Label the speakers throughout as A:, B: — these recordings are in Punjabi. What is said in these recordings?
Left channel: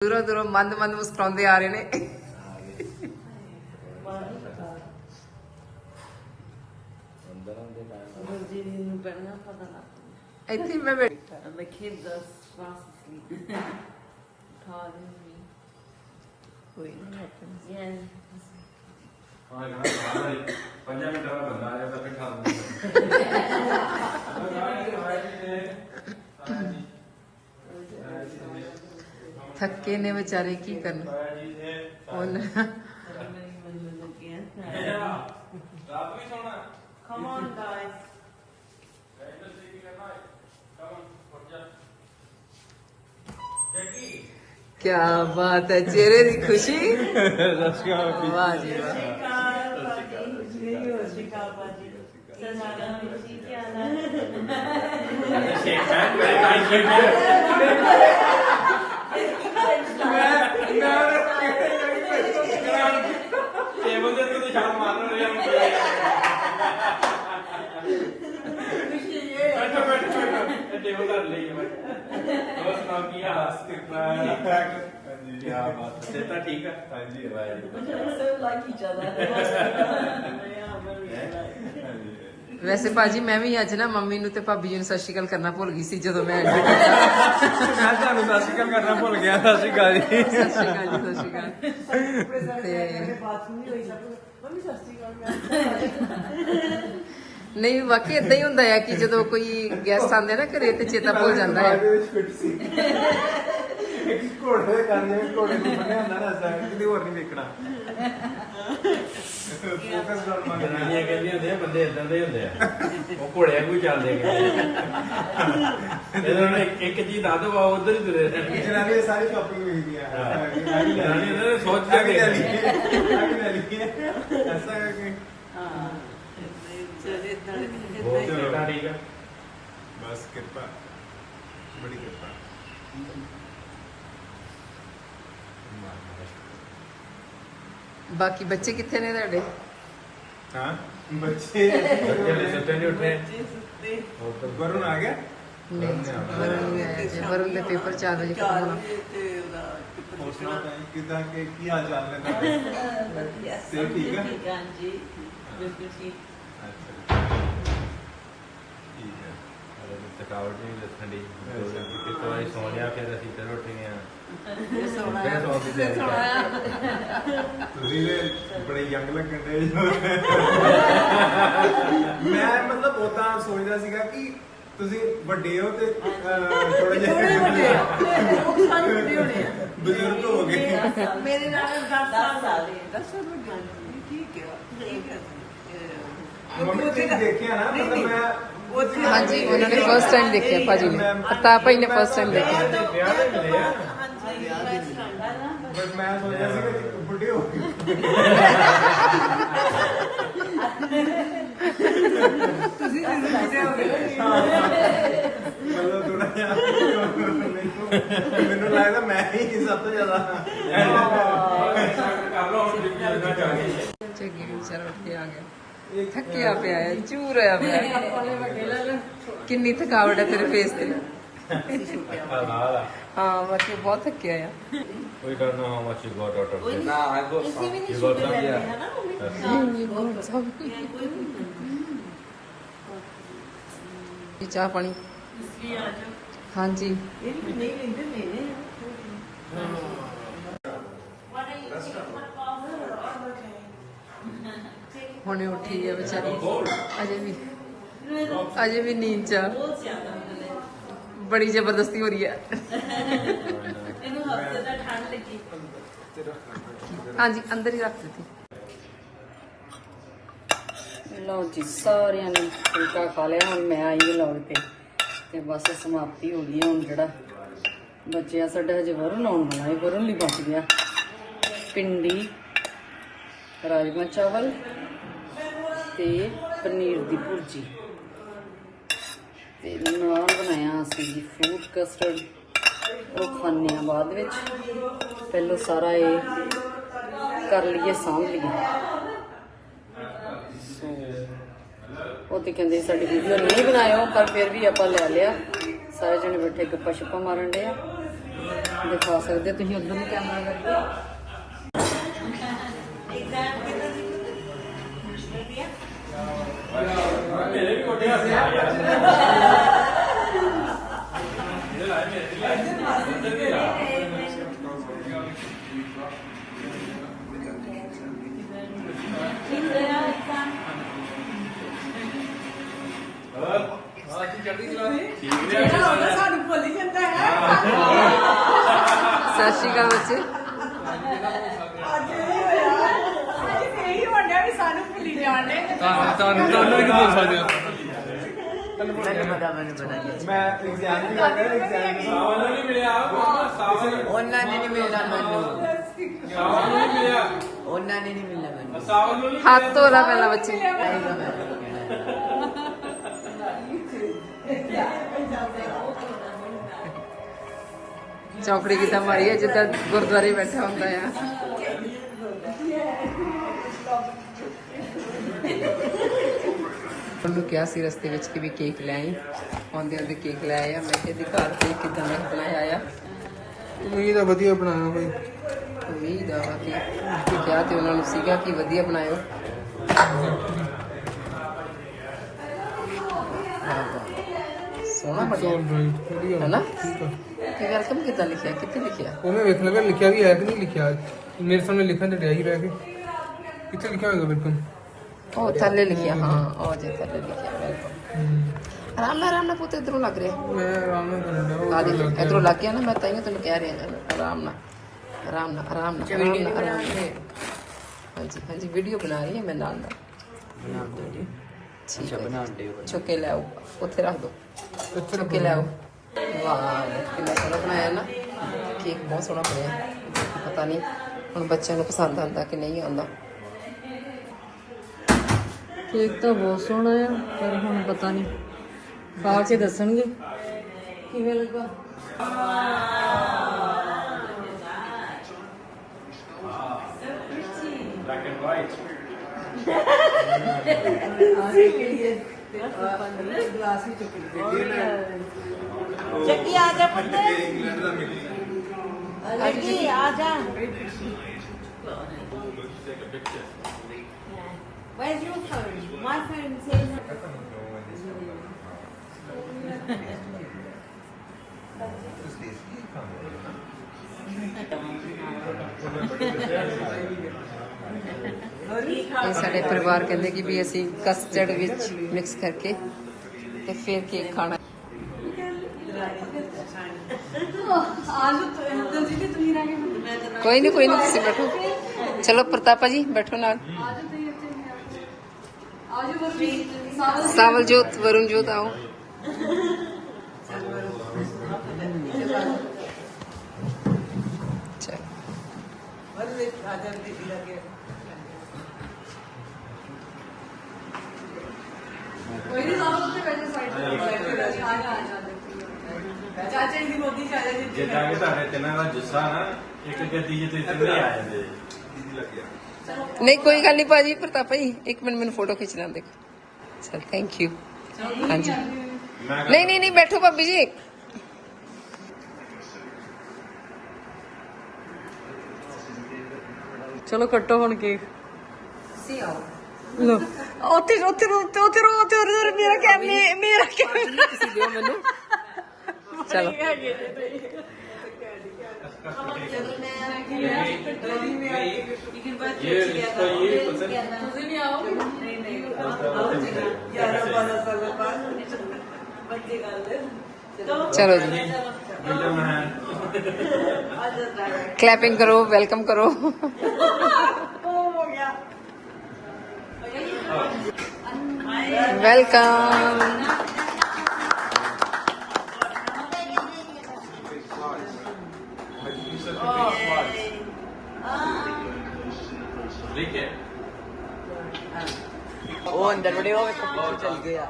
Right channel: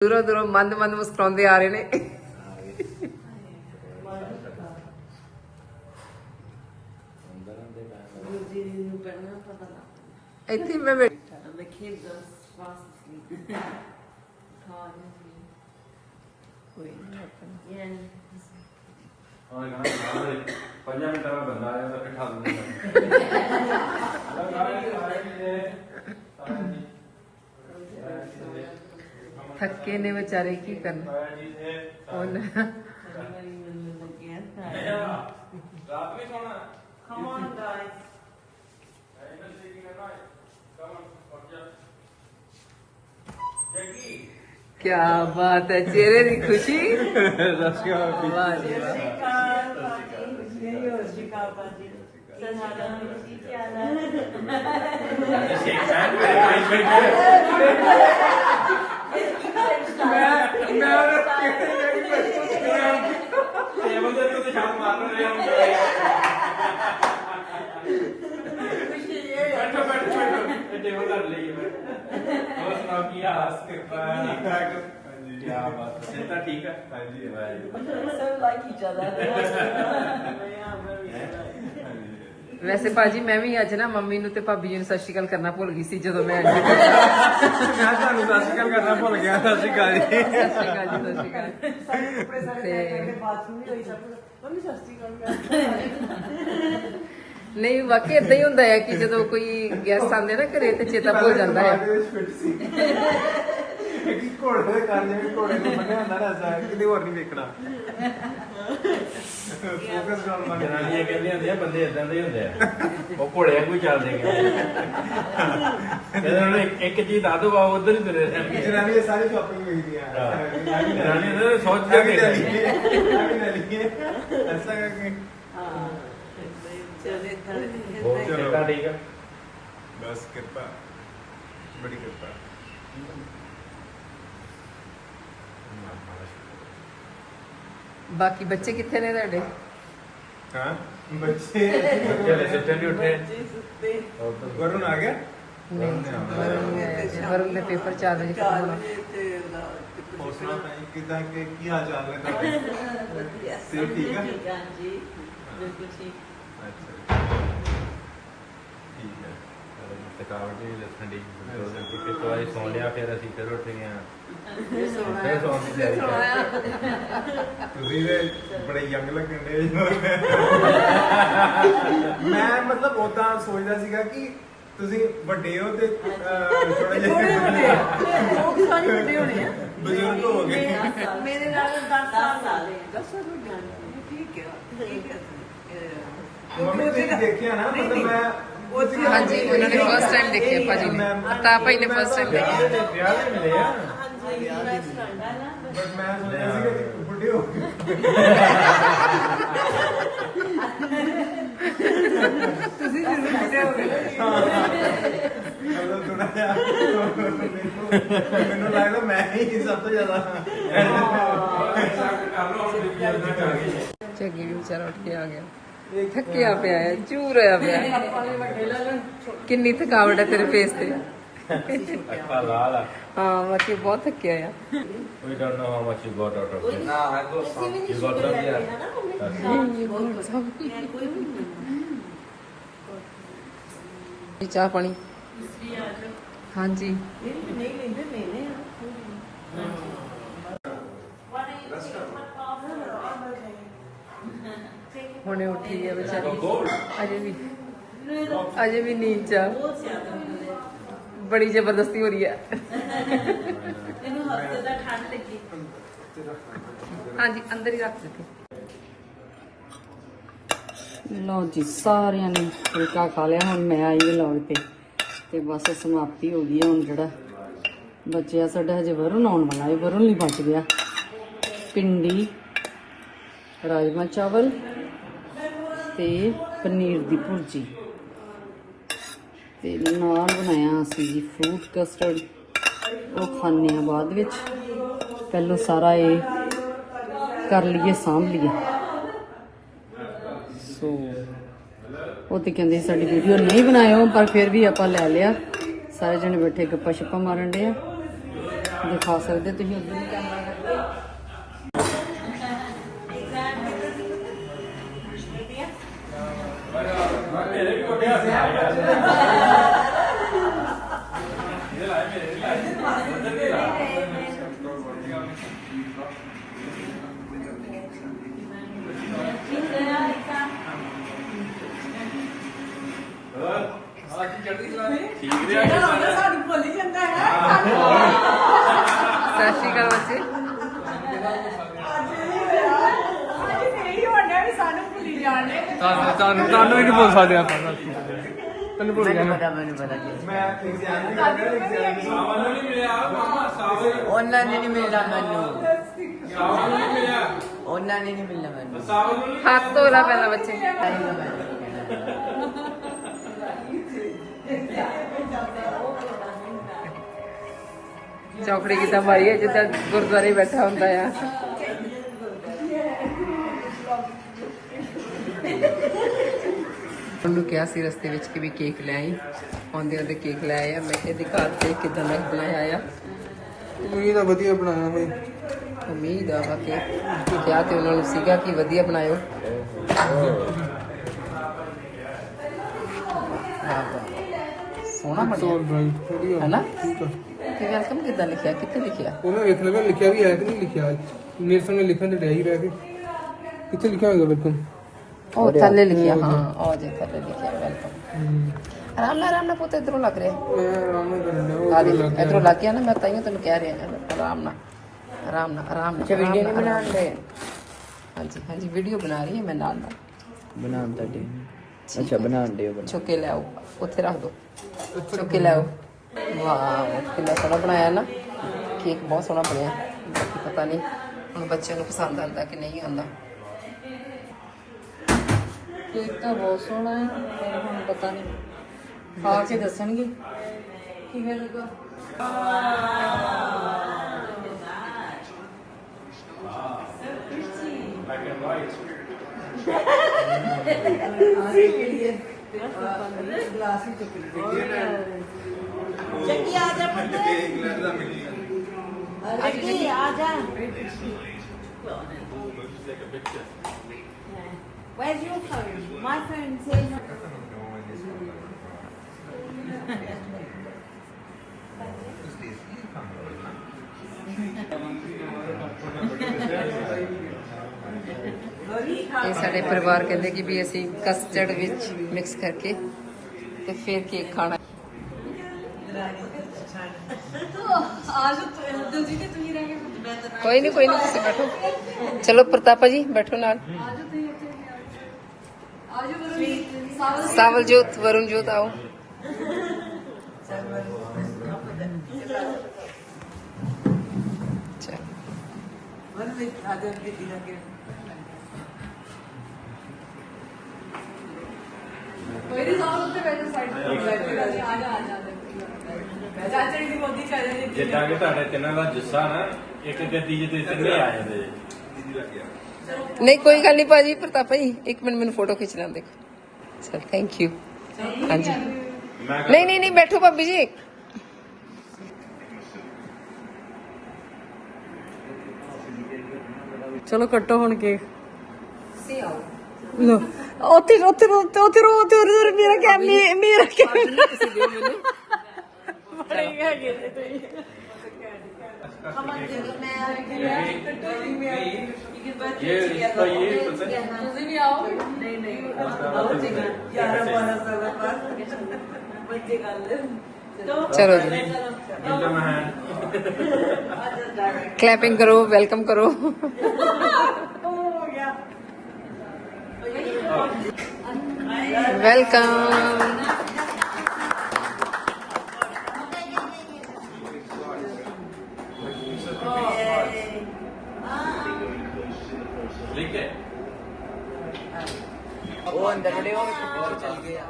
A: ਦੂਰੋਂ ਦੂਰੋਂ ਮੰਦ ਮੰਦ ਮੁਸਕਰਾਉਂਦੇ ਆ ਰਹੇ ਨੇ ਇੱਥੇ ਮੈਂ ਬੈਠੀ
B: the kid does wants
A: ਕੋਈ ਨਹੀਂ ਆਪਾਂ
B: yeah.
C: ਹਾਂ ਹਾਂ ਹਾਂ ਮਿੰਟਾਂ ਦਾ ਬੰਦਾ ਆ ਜਾਂਦਾ ਫਿਰ ਖਾ ਲੂੰਗਾ
A: ਥੱਕੇ ਨੇ ਵਿਚਾਰੇ ਕੀ ਕਰਨਾ ਹੁਣ
B: Everybody was looking at that.
C: ਰਾਤ ਵੀ ਸੋਣਾ
B: Come on, guys.
A: ਕੀ ਬਾਤ ਹੈ ਚਿਹਰੇ ਦੀ ਖੁਸ਼ੀ
C: ਰਸਿਆ
A: ਵਾਹ ਜੀ ਵਾਹ
B: ਨਹੀਂ ਹੋ ਸ਼ਿਕਾ ਬਾਜੀ ਸਨਾਗਾ ਜੀ ਕੀ ਹਾਲ ਹੈ
C: ਟੇਬਲ ਦੇ ਉੱਤੇ ਛਾਲ ਮਾਰ ਰਿਹਾ ਬੈਠੋ ਬੈਠੋ ਇਹ ਟੇਬਲ ਕਰ ਲਈ ਮੈਂ ਹੋਰ ਸੁਣਾਓ ਕੀ ਹਾਲ ਹੈ ਕਿਰਪਾ ਠੀਕ ਠਾਕ ਹਾਂਜੀ ਕੀ ਬਾਤ ਹੈ ਤਾਂ ਠੀਕ ਹੈ ਹਾਂਜੀ Waheguru
B: so like each other yeah very
A: ਵੈਸੇ ਭਾਜੀ ਮੈਂ ਵੀ ਅੱਜ ਨਾ ਮੰਮੀ ਨੂੰ ਤੇ ਭਾਬੀ ਜੀ ਨੂੰ ਸਤਿ ਸ਼੍ਰੀ ਅਕਾਲ ਕਰਨਾ ਭੁੱਲ ਗਈ ਸੀ ਜਦੋਂ ਮੈਂ ਐਂਟਰੀ
C: ਮੈਂ ਤੁਹਾਨੂੰ ਸਤਿ ਸ਼੍ਰੀ ਅਕਾਲ ਕਰਨਾ ਭੁੱਲ ਗਿਆ ਸਤਿ ਸ਼੍ਰੀ ਅਕਾਲ ਜੀ।
A: ਸਤਿ ਸ਼੍ਰੀ ਅਕਾਲ ਜੀ ਸਤਿ ਸ਼੍ਰੀ ਅਕਾਲ। ਤੇ
B: ਬਾਥਰੂਮ ਨਹੀਂ ਹੋਈ ਸਾਡੀ ਮੰਮੀ ਸਸਤੀ ਕਰ
A: ਨਹੀਂ ਵਾਕਈ ਇਦਾਂ ਹੀ ਹੁੰਦਾ ਹੈ ਕਿ ਜਦੋਂ ਕੋਈ ਗੈਸਟ ਆਉਂਦੇ ਨਾ ਘਰੇ ਤੇ ਚੇਤਾ ਭੁੱਲ ਜਾਂਦਾ ਹੈ
C: ਕਿ ਘੋੜੇ ਕਰਨੇ ਘੋੜੇ ਨੂੰ ਬੰਨਿਆ ਹੁੰਦਾ ਨਾ ਐਸਾ ਕਿਤੇ ਹੋਰ ਨਹੀਂ ਵੇਖਣਾ। ਫੋਕਸ ਨਾਲ ਮੰਗ
D: ਜਨਾਨੀਆਂ ਕਹਿੰਦੀਆਂ ਹੁੰਦੀਆਂ ਬੰਦੇ ਇਦਾਂ ਦੇ ਹੀ ਹੁੰਦੇ ਆ। ਉਹ ਘੋੜਿਆਂ ਕੋਈ ਚੱਲਦੇ ਗੇ ਇਹਨਾਂ ਨੂੰ ਇੱਕ ਚੀਜ਼ ਦੱਸ ਦੋ ਆ ਉਧਰ ਹੀ ਤੁਰੇ ਰਹਿਣਗੇ।
C: ਜਨਾਨੀ ਦੇ ਸਾਰੀ ਸ਼ਾਪਿੰਗ ਵੇਖਦੀ ਆ।
D: ਜਨਾਨੀ ਨੇ ਸੋਚ
C: ਜਾ
D: ਕੇ
C: ਐਸਾ ਕਰਕੇ।
B: ਹਾਂ। ਚਲੇ ਤਾਂ
D: ਬਹੁਤ ਚੰਗਾ ਠੀਕ ਆ?
C: ਬਸ ਕਿਰਪਾ। ਬੜੀ ਕਿਰਪਾ।
A: ਬਾਕੀ ਬੱਚੇ ਕਿੱਥੇ ਨੇ ਤੁਹਾਡੇ?
C: ਹਾਂ ਬੱਚੇ।
D: ਬੱਚੇ ਸੁੱਤੇ ਨਹੀਂ ਉੱਠੇ।
B: ਸੁੱਤੇ।
D: ਉਹ ਤਾਂ
C: ਵਰੁਣ ਆ ਗਿਆ?
A: ਨਹੀਂ ਵਰੁਣ ਨਹੀਂ ਆਇਆ ਜੀ। ਵਰੁਣ ਦੇ ਪੇਪਰ 4 ਵਜੇ ਖਤਮ ਹੋਣਾ।
C: ਪੋਸਣਾ ਪਈ ਕਿਦਾਂ ਕਿ ਕੀ ਹਾਲ ਚਾਲ ਨੇ ਤੁਹਾਡੇ? ਤੇ ਠੀਕ ਹੈ?
B: ਠੀਕ ਹੈ? ਜੀ ਬਿਲਕੁਲ ਠੀਕ।
C: ਅੱਛਾ ਠੀਕ ਹੈ
D: ਹਲੇ ਤਾਂ ਥਕਾਵਟ ਵੀ ਦੱਸਣ ਦੀ ਦੋ ਦਿਨ ਦੀ। ਫਿਰ ਤੋਂ ਆਈ ਸੌ ਲਿਆ ਫਿਰ ਅਸੀਂ ਫਿਰ ਉੱਠ ਗਏ ਆ
B: ਇਹ ਸੋਣਾ
D: ਫਿਰ ਸੌਣ ਦੀ ਤਿਆਰੀ ਕਰ
C: ਤੁਸੀਂ ਵੀ ਬੜੇ ਯੰਗ ਲੱਗਣ ਦੇ ਮੈਂ ਮਤਲਬ ਉਦਾਂ ਸੋਚਦਾ ਸੀਗਾ ਕਿ ਤੁਸੀਂ ਵੱਡੇ ਹੋ ਤੇ ਥੋੜੇ
B: ਥੋੜੇ ਵੱਡੇ
C: ਜਿਹੇ
B: ਉਹ ਸਾਰੇ ਵੱਡੇ ਹੋਣੇ ਆ।
C: ਬਜ਼ੁਰਗ ਹੋ ਗਏ।
B: ਮੇਰੇ ਨਾਲ 10 ਸਾਲ ਸਾਲ 10 ਸਾਲ ਵੱਡੇ ਠੀਕ ਹੈ ਠੀਕ ਹੈ।
C: ਮੰਮੀ ਤੁਸੀਂ ਦੇਖਿਆ ਨਾ ਮਤਲਬ ਮੈਂ
A: ਹਾਂਜੀ ਉਹਨਾਂ ਨੇ ਫਸਟ ਟਾਈਮ ਦੇਖਿਆ ਭਾਜੀ ਨੇ। ਅਤਾ ਭਾਈ ਨੇ ਫਸਟ ਟਾਈਮ ਦੇਖਿਆ।
D: ਤੇ ਵਿਆਹ ਦੇ ਮਿਲੇ ਆ।
C: ਬਸ ਮੈਂ ਸੋਚਿਆ ਸੀਗਾ ਕਿ ਵੱਡੇ ਹੋ ਗਏ
B: ਤੁਸੀਂ ਜਿਸ ਵੱਡੇ ਹੋ ਗਏ।
C: ਚਲੋ ਥੋੜਾ ਜਿਹਾ ਮੈਨੂੰ ਲੱਗਦਾ ਮੈਂ ਹੀ ਸਭ ਤੋਂ ਜ਼ਿਆਦਾ
D: ਕਰ ਲਓ। ਹੁਣ
A: ਚੱਗੀ ਵਿਚਾਰਾ ਉੱਠ ਕੇ ਆ ਗਿਆ। ਥੱਕਿਆ ਪਿਆ ਹੈ ਚੂਰ ਹੋਇਆ ਪਿਆ ਹੈ। ਕਿੰਨੀ ਥਕਾਵਟ ਹੈ ਤੇਰੇ ਫੇਸ ਤੇ।
D: ਆ
A: ਹਾਂ ਬਾਕੀ ਬਹੁਤ ਥੱਕਿਆ ਆ।
D: We don't know how much you got out of it.
B: ਅਸੀਂ ਵੀ ਨਹੀਂ
D: You got some
B: ਹੈ
D: here?
B: ਨਾ ਮੰਮੀ ਕੋਈ ਵੀ
A: ਜੀ ਚਾਹ ਪਾਣੀ? ਹਾਂਜੀ
B: ਇਹ ਵੀ ਨਹੀਂ ਲੈਂਦੇ ਲੈਨੇ ਆ
A: ਹੁਣੇ ਉੱਠੀ ਹੈ ਵਿਚਾਰੀ। ਅਜੇ ਵੀ। ਅਜੇ ਵੀ ਨੀਂਦ ਚ ਆ। ਬੜੀ ਜ਼ਬਰਦਸਤੀ ਹੋ ਰਹੀ ਹੈ
B: ਇਹਨੂੰ ਹਫ਼ਤੇ ਦਾ ਠੰਡ ਲੱਗੀ।
A: ਹਾਂਜੀ ਅੰਦਰ ਹੀ ਰੱਖ ਦਿੱਤੀ।
E: ਲਓ ਜੀ ਸਾਰਿਆਂ ਨੇ ਫੁਲਕਾ ਖਾ ਲਿਆ। ਹੁਣ ਮੈਂ ਆਈ ਵਲੌਗ ਤੇ। ਤੇ ਬਸ ਸਮਾਪਤੀ ਹੋ ਗਈ ਹੈ ਹੁਣ ਜਿਹੜਾ ਬੱਚਿਆ ਸਾਡਾ ਹਜੇ ਵਰੁਣ ਆਉਣ ਵਾਲਾ ਹੈ। ਵਰੁਣ ਲਈ ਬਚ ਗਿਆ। ਪਿੰਡੀ ਰਾਜਮਾ ਚਾਵਲ ਤੇ ਪਨੀਰ ਦੀ ਭੁਰਜੀ। ਤੇ ਨਾਲ ਬਣਾਇਆ ਅਸੀਂ ਜੀ ਫਰੂਟ ਕਸਟਰਡ ਉਹ ਖਾਣੇ ਆ ਬਾਅਦ ਵਿੱਚ। ਪਹਿਲਾਂ ਸਾਰਾ ਇਹ ਕਰ ਲਈਏ, ਸਾਂਭ ਲਈਏ। ਸੋ ਉਹ ਤੇ ਕਹਿੰਦੇ ਸਾਡੀ ਵੀਡੀਓ ਨਹੀਂ ਬਣਾਇਓ, ਪਰ ਫਿਰ ਵੀ ਆਪਾਂ ਲੈ ਲਿਆ। ਸਾਰੇ ਜਣੇ ਬੈਠੇ ਗੱਪਾਂ ਸ਼ੱਪਾਂ ਮਾਰਨ ਦੇ ਆ।
B: ਦਿਖਾ ਸਕਦੇ ਤੁਸੀਂ ਉਧਰ।
D: ਮੇਰੇ ਵੀ ਕੋਟੇ ਹੱਥ ਆ। ਗਿਆ ਇਹ ਲਾਏ। ਮੇਰੇ ਆਹ ਚੜ੍ਹਦੀ ਚਲਾ ਠੀਕ ਰਿਹਾ
F: ਸਾਨੂੰ ਭੁੱਲ ਜਾਂਦਾ ਹੈ।
A: ਸਤਿ ਸ਼੍ਰੀ ਅਕਾਲ ਬੱਚੇ
F: ਇਹੀ ਹੋਣਾ ਵੀ ਸਾਨੂੰ ਭੁੱਲੀ ਜਾਣੇ
D: ਤੁਹਾਨੂੰ ਤੁਹਾਨੂੰ ਤੁਹਾਨੂੰ ਵੀ ਨਹੀਂ ਬੋਲ ਸਕਦੇ
F: ਉਹਨਾਂ ਨੇ ਨਹੀਂ ਮਿਲਣਾ ਮੈਨੂੰ
D: ਸਾਵਲ ਨਹੀਂ ਮਿਲਿਆ
F: ਉਹਨਾਂ ਨੇ ਨਹੀਂ ਮਿਲਣਾ ਮੈਨੂੰ
A: ਹੱਥ ਧੋ ਲਾ ਪਹਿਲਾਂ ਬੱਚੇ। ਚੌਕੜੀ ਕਿਦਾਂ ਮਾਰੀ ਹੈ? ਜਿੱਦਾਂ ਗੁਰਦੁਆਰੇ ਬੈਠਾ ਹੁੰਦਾ ਆ। ਉਹਨੂੰ ਕਿਹਾ ਸੀ ਰਸਤੇ ਵਿੱਚ ਕਿ ਵੀ ਕੇਕ ਲੈ ਆਈ। ਆਉਂਦੇ ਆਉਂਦੇ ਕੇਕ ਲੈ ਆਇਆ। ਮੈਂ ਕਿਹਾ ਦਿਖਾ ਦੇ ਕਿਦਾਂ ਮੈਂ ਬਣਾਇਆ ਆ।
G: ਇਹ ਤਾਂ ਵਧੀਆ ਬਣਾਇਆ ਬਈ।
A: ਉਮੀਦ ਆ ਵਾ ਕਿ ਕਿਹਾ ਤੇ ਉਹਨਾਂ ਨੂੰ ਸੀਗਾ ਕਿ ਵਧੀਆ ਬਣਾਇਓ। ਸੋਹਣਾ ਬਣਿਆ।
G: ਬਈ ਵਧੀਆ।
A: ਹੈਨਾ?
G: ਠੀਕ ਆ।
A: ਤੇ ਵੈਲਕਮ ਕਿਦਾਂ ਲਿਖਿਆ? ਕਿੱਥੇ ਲਿਖਿਆ?
G: ਉਹਨੇ ਵੇਖ ਲਗਾ ਲਿਖਿਆ ਵੀ ਹੈ ਕਿ ਨਹੀਂ ਲਿਖਿਆ। ਮੇਰੇ ਸਾਹਮਣੇ ਲਿਖਣ ਤੇ ਡਿਆ ਹੀ ਰਹਿ ਕੇ। ਕਿੱਥੇ ਲਿਖਿਆ ਹੋਏਗਾ ਵੈਲਕਮ
A: ਉਹ ਥੱਲੇ ਲਿਖਿਆ ਹਾਂ ਉਹ ਜੇ ਥੱਲੇ ਲਿਖਿਆ ਵੈਲਕਮ ਆਰਾਮ ਨਾਲ ਆਰਾਮ ਨਾਲ ਪੁੱਤ ਇਧਰੋਂ ਲੱਗ ਰਿਹਾ।
G: ਮੈਂ ਆਰਾਮ ਨਾਲ ਕਰਨ
A: ਦੇ। ਇਧਰੋਂ ਲੱਗ ਗਿਆ ਨਾ ਮੈਂ ਤਾਈਓ ਤੈਨੂੰ ਕਹਿ ਰਿਹਾ ਆਰਾਮ ਨਾਲ ਆਰਾਮ ਨਾਲ ਆਰਾਮ ਨਾਲ ਆਰਾਮ ਨਾਲ ਆਰਾਮ ਨਾਲ। ਹਾਂਜੀ ਹਾਂਜੀ ਵੀਡੀਓ ਬਣਾ ਰਹੀ ਹਾਂ ਮੈਂ ਨਾਲ ਨਾਲ।
F: ਬਣਾਉਂਦਾ ਜੀ।
A: ਅੱਛਾ
F: ਬਣਾਉਂਦੇ
A: ਚੁੱਕ ਕੇ ਲਿਆਓ ਉੱਥੇ ਰੱਖ ਦੋ। ਚੁੱਕ ਕੇ ਲਿਆਓ। ਵਾਹ ਕਿੰਨਾ ਸੋਹਣਾ ਬਣਾਇਆ ਨਾ। ਕੇਕ ਬਹੁਤ ਸੋਹਣਾ ਬਣਿਆ। ਪਤਾ ਨਹੀਂ ਹੁਣ ਬੱਚਿਆਂ ਨੂੰ ਪਸੰਦ ਆਉਂਦਾ ਕਿ ਨਹੀਂ ਆਉਂਦਾ।
B: ਕੇਕ ਤਾਂ ਬਹੁਤ ਸੋਹਣਾ ਹੈ ਪਰ ਹੁਣ ਪਤਾ ਨਹੀਂ ਖਾ ਕੇ ਦੱਸਣਗੇ ਕਿਵੇਂ ਲੱਗਾ
D: ਬਲੈਕ ਐਂਡ ਵਾਈਟ
F: ਚੱਕੀ ਆ ਜਾ ਪੁੱਤ ਚੱਕੀ ਆ ਜਾ Where's your phone? My phone says
A: ਇਹ ਸਾਡੇ ਪਰਿਵਾਰ ਕਹਿੰਦੇ ਕਿ ਵੀ ਅਸੀਂ ਕਸਟਰਡ ਵਿੱਚ ਮਿਕਸ ਕਰਕੇ ਤੇ ਫਿਰ ਕੇਕ ਖਾਣਾ। ਕੋਈ ਨਹੀਂ ਕੋਈ ਨਹੀਂ ਤੁਸੀਂ ਬੈਠੋ। ਚਲੋ ਪ੍ਰਤਾਪਾ ਜੀ, ਬੈਠੋ ਨਾਲ। ਸਾਵਲ ਜੋਤ ਵਰੁਣ ਜੋਤ ਆਓ ਚਲੋ
D: ਜਿੱਦਾਂ ਕਿ ਤੁਹਾਡੇ ਤਿੰਨਾਂ ਦਾ ਜੁੱਸਾ ਨਾ ਇੱਕ ਗੱਦੀ ਜਿੱਤੇ ਤਿੰਨੇ ਆ ਜਾਂਦੇ
A: ਨਹੀਂ ਕੋਈ ਗੱਲ ਨਹੀਂ ਭਾਜੀ ਪ੍ਰਤਾਪਾ ਜੀ ਇੱਕ ਮਿੰਟ ਮੈਨੂੰ ਫੋਟੋ ਖਿੱਚ ਲੈਣ ਦੇਖੋ ਚਲ ਥੈਂਕ ਯੂ ਹਾਂਜੀ ਨਹੀਂ ਨਹੀਂ ਨਹੀਂ ਬੈਠੋ ਭਾਬੀ ਜੀ
B: ਚਲੋ ਕੱਟੋ ਹੁਣ ਕੇਕ ਲੋ ਉੱਥੇ ਉੱਥੇ ਉੱਥੇ ਉੱਥੇ ਰੋ ਉੱਥੇ ਉਰੇ ਮੇਰਾ ਕੈਮਰਾ ਮੇਰਾ ਕੈਮਰਾ
A: ਤੁਸੀਂ ਦਿਓ ਮੈਨੂੰ
D: चलो जी।
A: क्लैपिंग करो वेलकम करो। वेलकम
D: ठीक है।
A: वो अंदर चल गया।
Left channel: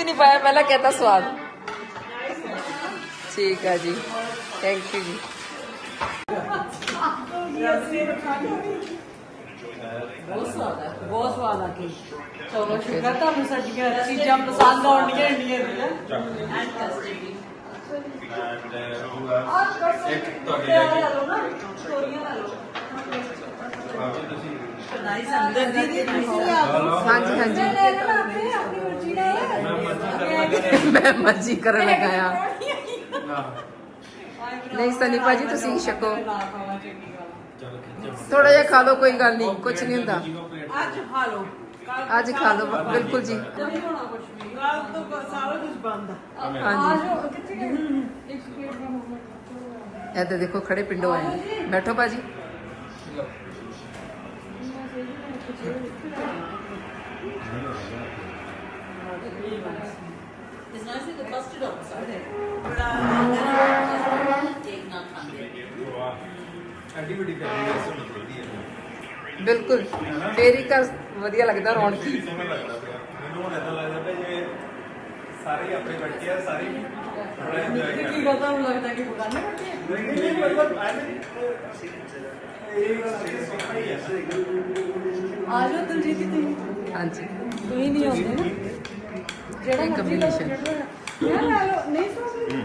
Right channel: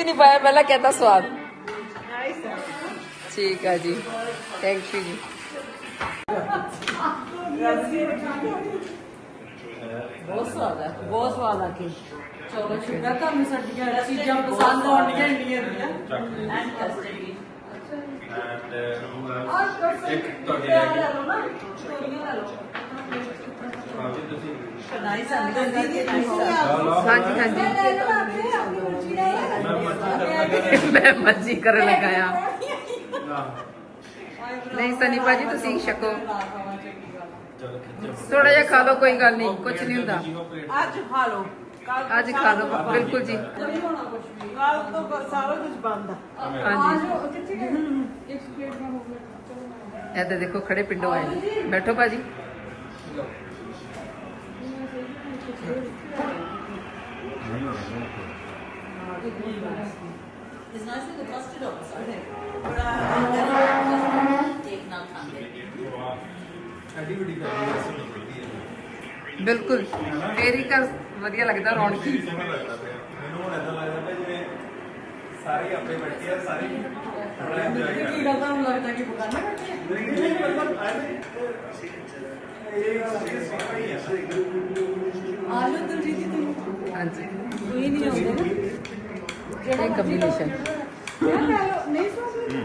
A: नहीं पाया
B: पहला कहता स्वाद। ठीक है जी। थैंक
E: यू जी। बहुत स्वाद है बहुत स्वाद आके चलो
C: शुक्र चीज़ें ਤੁਹਾਡੇ ਲਈ ਆਪ ਤੁਸੀਂ
B: ਨਹੀਂ ਸਾਨੂੰ ਦੀਦੀ
A: ਹਾਂਜੀ ਹਾਂਜੀ
C: ਮੈਂ ਮਰਜ਼ੀ ਕਰਨ ਲੱਗਾ
A: ਮੈਂ ਮਰਜ਼ੀ ਕਰਨ ਲੱਗਾ ਆ
C: ਨਾ
A: ਨਹੀਂ ਸਨੀ ਭਾਜੀ ਤੁਸੀਂ ਛਕੋ ਥੋੜਾ ਜਿਹਾ ਖਾ ਲਓ ਕੋਈ ਗੱਲ ਨਹੀਂ ਕੁਝ ਨਹੀਂ ਹੁੰਦਾ।
B: ਅੱਜ ਖਾ ਲਓ।
A: ਅੱਜ ਖਾ ਲਓ ਬਿਲਕੁਲ ਜੀ।
B: ਕੱਲ ਤੋਂ ਸਾਰਾ ਕੁਝ ਬੰਦ ਆ
A: ਹਾਂਜੀ। ਇੱਧਰ ਦੇਖੋ ਖੜੇ ਪਿੰਡੋਂ ਆਏ ਨੇ। ਬੈਠੋ ਭਾਜੀ।
B: ਇਸ ਨਾਲ ਸੇ ਫਸਟ ਡੌਗ ਸਾਡੇ ਦੇਖ ਨਾ ਖਾਂਦੇ
C: ਐਡੀ ਵੱਡੀ ਹੈ ਸਭ ਨਿਕਲਦੀ ਹੈ।
A: ਬਿਲਕੁਲ। ਫੇਰੀ ਕਾ ਵਧੀਆ ਲੱਗਦਾ ਰੌਣਕੀ।
C: ਵੀ ਸੋਹਣਾ ਲੱਗਦਾ ਪਿਆ। ਮੈਨੂੰ ਹੁਣ ਏਦਾਂ ਲੱਗਦਾ ਪਿਆ ਜਿਵੇਂ ਸਾਰੇ ਹੀ ਆਪਣੇ ਬੈਠੇ ਆ ਸਾਰੇ ਹੀ ਬੜਾ ਇੰਜੋਏ ਕਰ
E: ਕੀ ਗੱਲ ਤੁਹਾਨੂੰ ਲੱਗਦਾ ਕਿ ਬਗਾਨੇ ਬੈਠੇ ਆ?
C: ਰਹੇ ਨਹੀਂ ਨਹੀਂ ਮਤਲਬ ਐਵੇਂ ਇਹ ਗੱਲ ਇਹ ਸੋਹਣਾ ਹੀ ਹੈ। ਨਾ
E: ਆ ਜਾਓ ਦਲਜੀਤ ਜੀ ਤੁਸੀਂ।
A: ਹਾਂਜੀ।
E: ਤੁਸੀਂ ਨਹੀਂ ਆਉਂਦੇ। ਨਾ
A: ਇਹ ਕੰਬੀਨੇਸ਼ਨ
E: ਨਹੀਂ ਸੋਚਦੇ।